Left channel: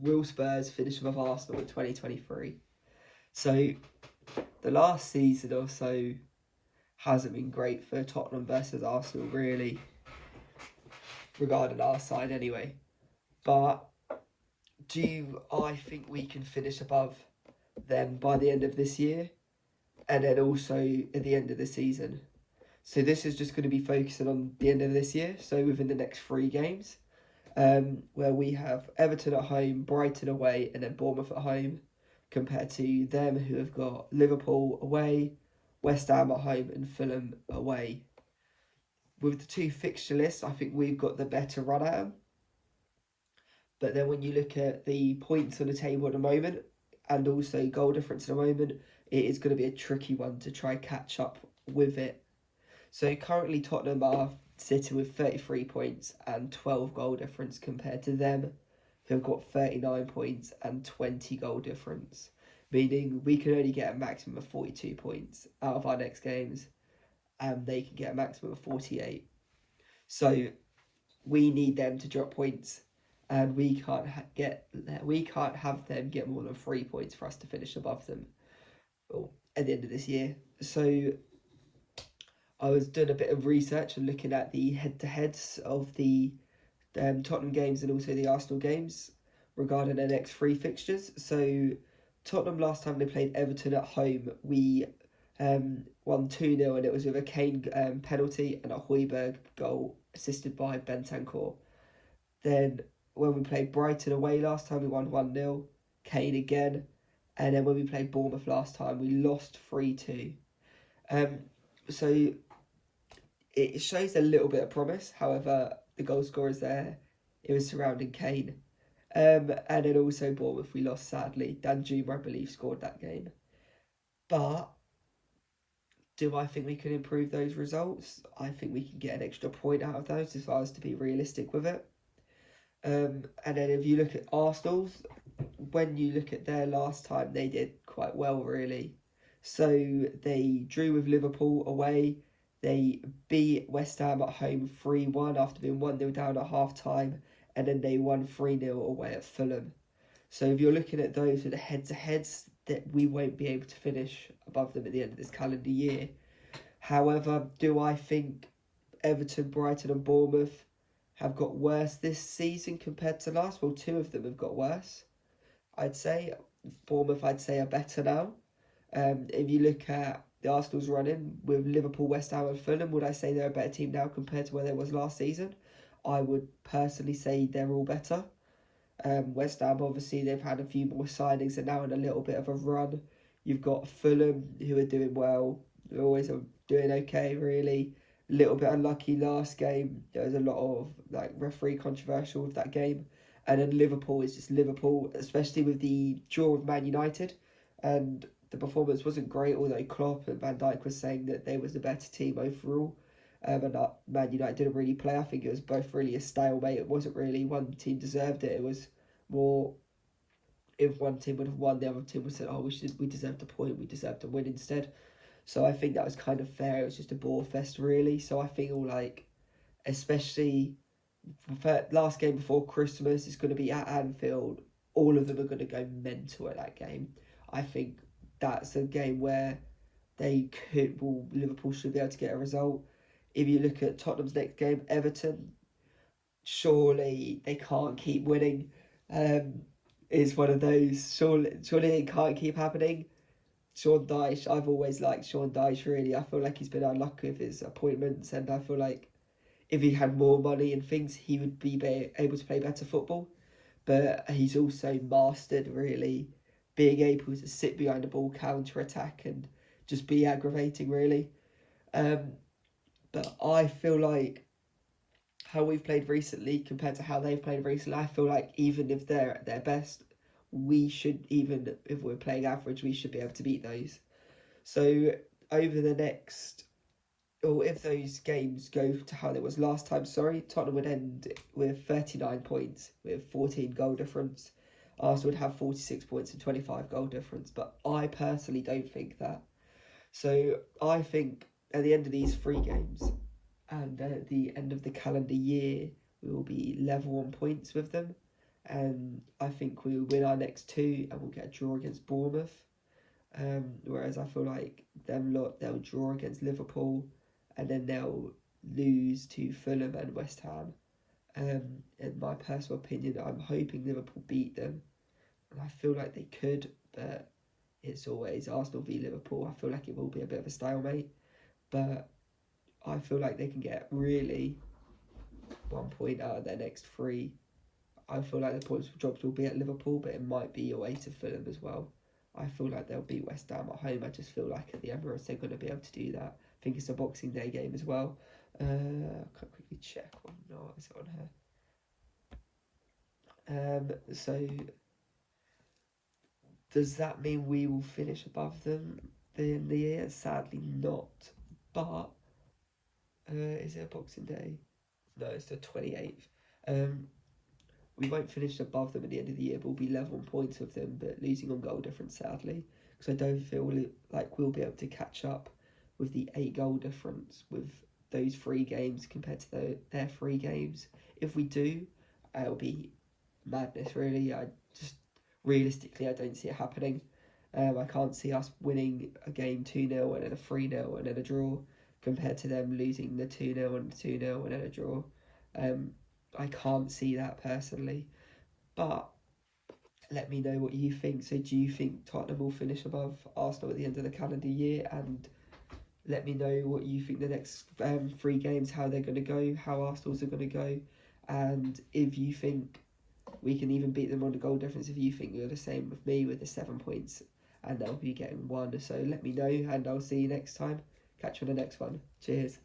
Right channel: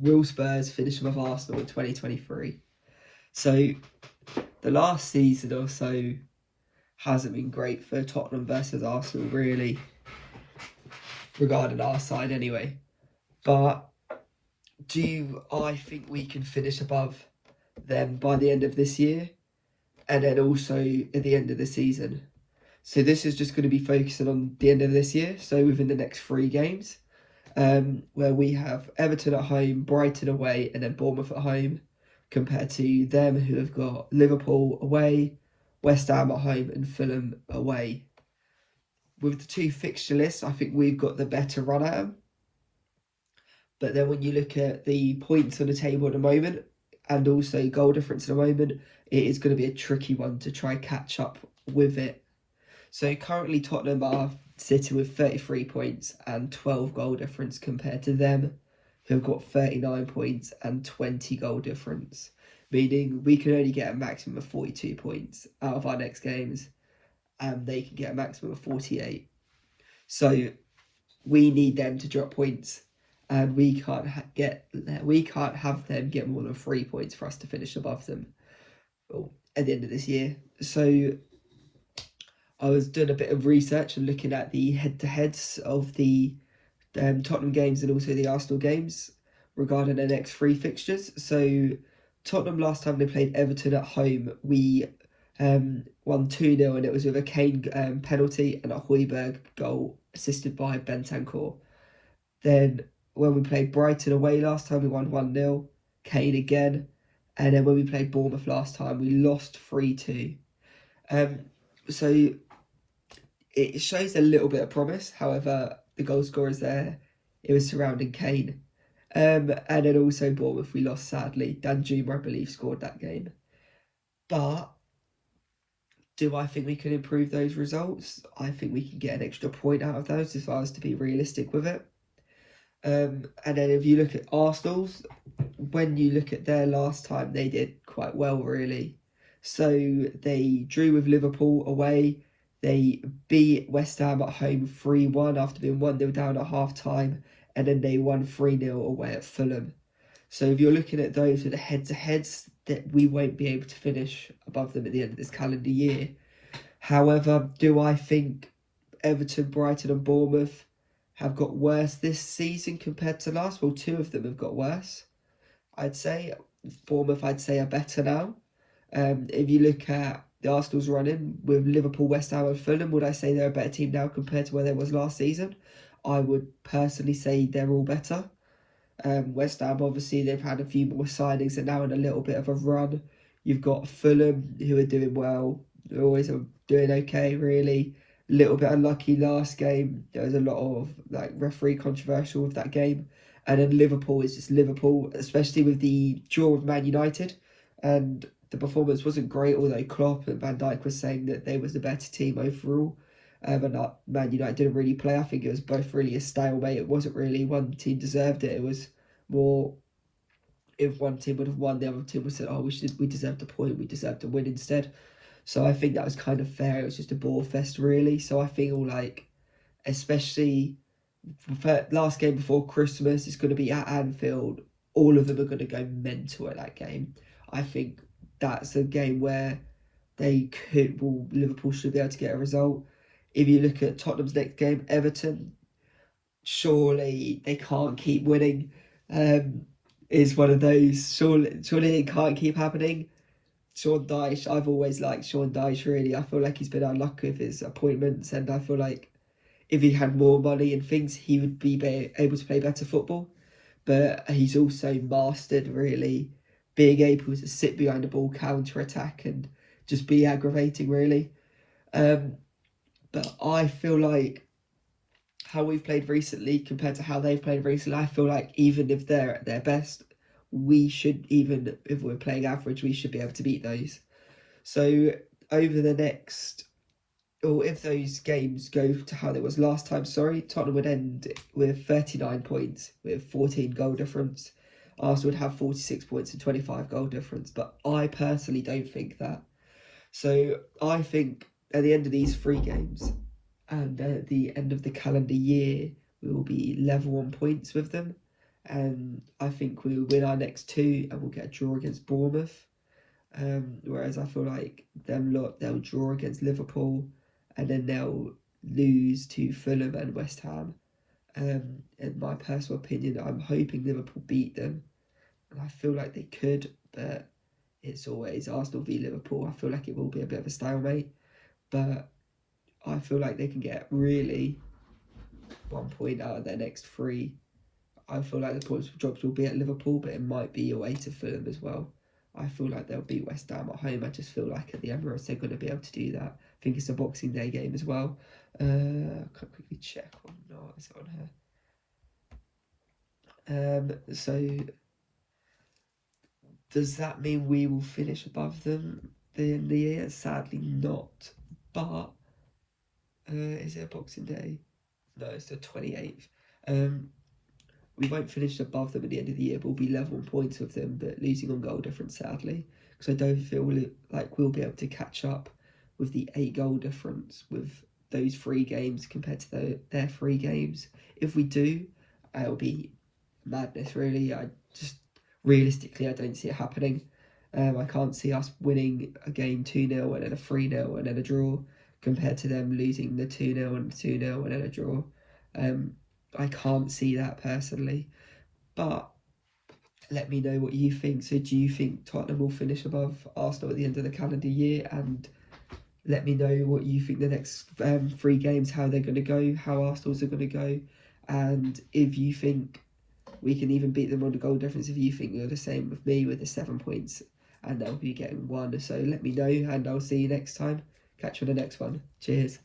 will Spurs finish above Arsenal in 2023? So the last season or so hasn't been great for Tottenham versus Arsenal, really, regarding our side anyway. But do I think we can finish above them by the end of this year, and then also at the end of the season? So this is just going to be focusing on the end of this year, so within the next 3 games, where we have Everton at home, Brighton away, and then Bournemouth at home, compared to them who have got Liverpool away, West Ham at home, and Fulham away. With the 2 fixture lists, I think we've got the better run at them. But then when you look at the points on the table at the moment, and also goal difference at the moment, it is going to be a tricky one to try catch up with it. So currently Tottenham are sitting with 33 points and 12 goal difference compared to them, who've got 39 points and 20 goal difference, meaning we can only get a maximum of 42 points out of our next games, and they can get a maximum of 48. So we need them to drop points, and we can't have them get more than 3 points for us to finish above them at the end of this year. So I was doing a bit of research and looking at the head-to-heads of the Tottenham games and also the Arsenal games regarding their next 3 fixtures. So Tottenham, last time they played Everton at home, we won 2-0, and it was with a Kane penalty and a Højbjerg goal assisted by Bentancur. Then when we played Brighton away last time, we won 1-0, Kane again. And then when we played Bournemouth last time, we lost 3-2. So it shows a little bit of promise. However, the goal scorers there, it was surrounding Kane. And then also Bournemouth, we lost sadly. Danjuma, I believe, scored that game. But do I think we can improve those results? I think we can get an extra point out of those if I was to be realistic with it. And then if you look at Arsenal's, when you look at their last time, they did quite well, really. So they drew with Liverpool away. They beat West Ham at home 3-1 after being 1-0 down at half-time. And then they won 3-0 away at Fulham. So if you're looking at those with the head-to-heads, that we won't be able to finish above them at the end of this calendar year. However, do I think Everton, Brighton and Bournemouth have got worse this season compared to last? Well, 2 of them have got worse. I'd say Bournemouth, are better now. If you look at the Arsenal's running with Liverpool, West Ham and Fulham, would I say they're a better team now compared to where they was last season? I would personally say they're all better. West Ham, obviously, they've had a few more signings and now in a little bit of a run. You've got Fulham, who are doing well. They're always doing okay, really. A little bit unlucky last game. There was a lot of referee controversial with that game. And then Liverpool is just Liverpool, especially with the draw of Man United. And the performance wasn't great, although Klopp and Van Dijk was saying that they was the better team overall. And Man United didn't really play. I think it was both really a stalemate. It wasn't really one team deserved it. It was more, if one team would have won, the other team would have said, "Oh, we deserved a point. We deserved to win instead." So I think that was kind of fair. It was just a ball fest, really. So I feel like, especially for last game before Christmas, it's going to be at Anfield. All of them are going to go mental at that game. I think that's a game where Liverpool should be able to get a result. If you look at Tottenham's next game, Everton, surely they can't keep winning. Is one of those. Surely it can't keep happening. Sean Dyche, I've always liked Sean Dyche, really. I feel like he's been unlucky with his appointments, and I feel like if he had more money and things, he would be able to play better football. But he's also mastered, really, being able to sit behind the ball, counter-attack, and just be aggravating, really. But I feel like how we've played recently compared to how they've played recently, I feel like even if they're at their best, we should, even if we're playing average, we should be able to beat those. So over the next, or if those games go to how it was last time, Tottenham would end with 39 points with 14 goal difference. Arsenal would have 46 points and 25 goal difference, but I personally don't think that. So I think at the end of these 3 games, and at the end of the calendar year, we will be level on points with them. and I think we'll win our next two and we'll get a draw against Bournemouth. Whereas I feel like them lot, they'll draw against Liverpool and then they'll lose to Fulham and West Ham. In my personal opinion, I'm hoping Liverpool beat them, and I feel like they could, but it's always Arsenal v Liverpool. I feel like it will be a bit of a stalemate, but I feel like they can get really 1 point out of their next three. I feel like the points drops will be at Liverpool, but it might be away to Fulham as well. I feel like they'll beat West Ham at home. I just feel like at the Emirates they're going to be able to do that. I think it's a Boxing Day game as well. Can quickly check or not. Is it on here? So does that mean we will finish above them in the year? Sadly not. But is it a Boxing Day? No, it's the 28th. Um, we won't finish above them at the end of the year, but we'll be level on points with them, but losing on goal difference, sadly. Because I don't feel like we'll be able to catch up with the 8 goal difference with those 3 games compared to their 3 games. If we do, it'll be madness, really. I just, realistically, I don't see it happening. I can't see us winning a game 2-0 and then a 3-0 and then a draw compared to them losing the 2-0 and 2-0 and then a draw. Um, I can't see that personally, but let me know what you think. So, do you think Tottenham will finish above Arsenal at the end of the calendar year? And let me know what you think the next 3 games, how they're going to go, how Arsenal's are going to go, and if you think we can even beat them on the goal difference. If you think you're the same with me with the 7 points, and they'll be getting 1. So let me know, and I'll see you next time. Catch you on the next one. Cheers.